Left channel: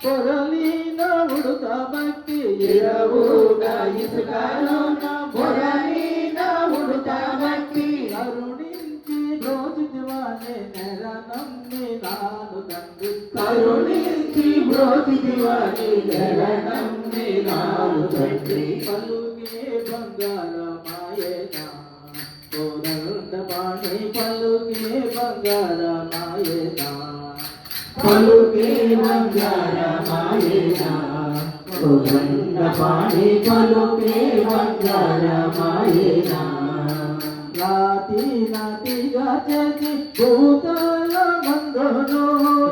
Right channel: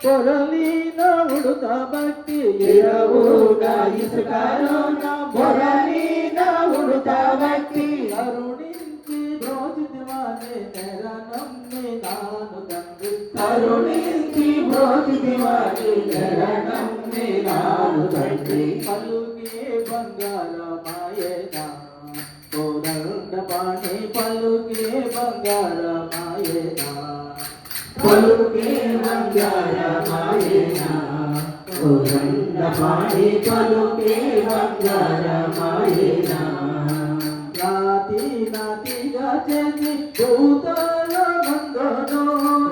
పొరలిన ఉడుత భక్తి ఎరవుగా ఇసుకలోన పొరలిన ఉడుత భక్తి అరుణించి బ్రోచితివానే నెరనమ్మి నాను తండ్రి కరుణించి బ్రోచితివానే నెరనమ్మి నాను తండ్రి పలుకే బంగారమాయేనా కోదండ పాణి పలుకే బంగారమాయేనా పలుకే బంగారమాయేనా కోదండ పాణి పలుకే బంగారమాయేనా రాతి నాతిగా చేసి భూతాల బంధను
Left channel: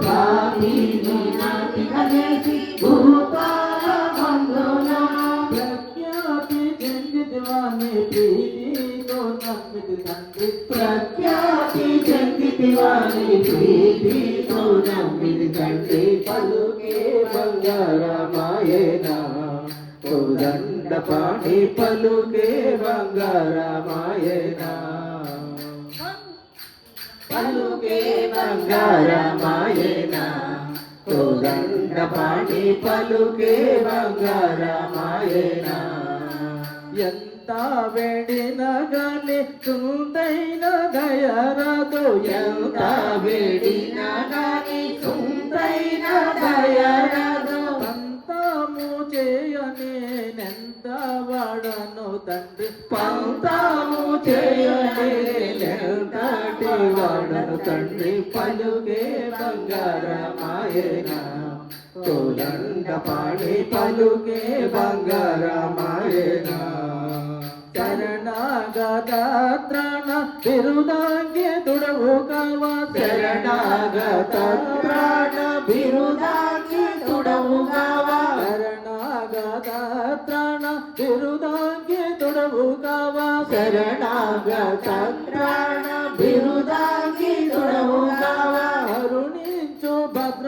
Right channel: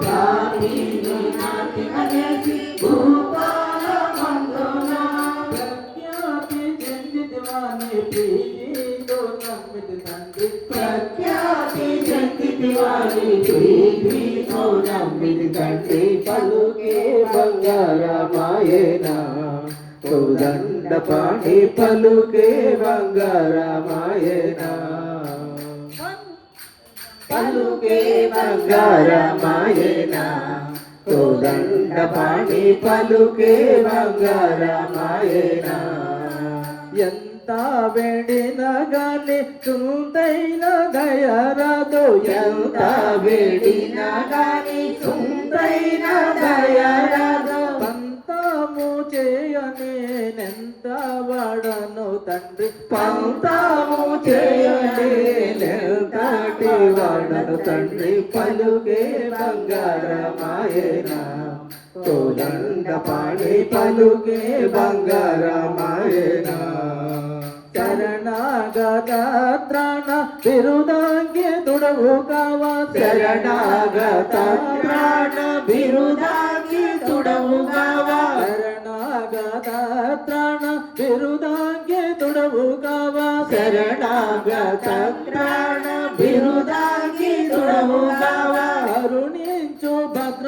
రాతి నాతిగా చేసి భూతాల బంధను ప్రఖ్యాతి చెందితివాని ప్రీతితో నమ్మితి తండ్రి ప్రఖ్యాతి చెందితివాని ప్రీతితో నమ్మితి తండ్రి పలుకే బంగారమాయేనా కోదండ పాణి పలుకే బంగారమాయేనా పలుకే బంగారమాయేనా కోదండ పాణి పలుకే బంగారమాయేనా ఎంత వేడిన గాని సుందైన దయరాదు ఎంత వేడిన గాని సుందైన దయరాదు పంతము చేయనేనెంత వాడను తండ్రి పంతము చేయనేనెంతటి వాడను తండ్రి పలుకే బంగారమాయేనా కోదండ పాణి పలుకే బంగారమాయేనా శరణాగత త్రాణ బిరుదాంగి తుడవు కావా శరణాగత త్రాణ బిరుదాంగి తుడవు కావా శరణాగత త్రాణ బిరుదాంగి తుడవు కావా శరణాగత త్రాణ బిరుదాంగి తుడవు కావా అరుణించు భద్ర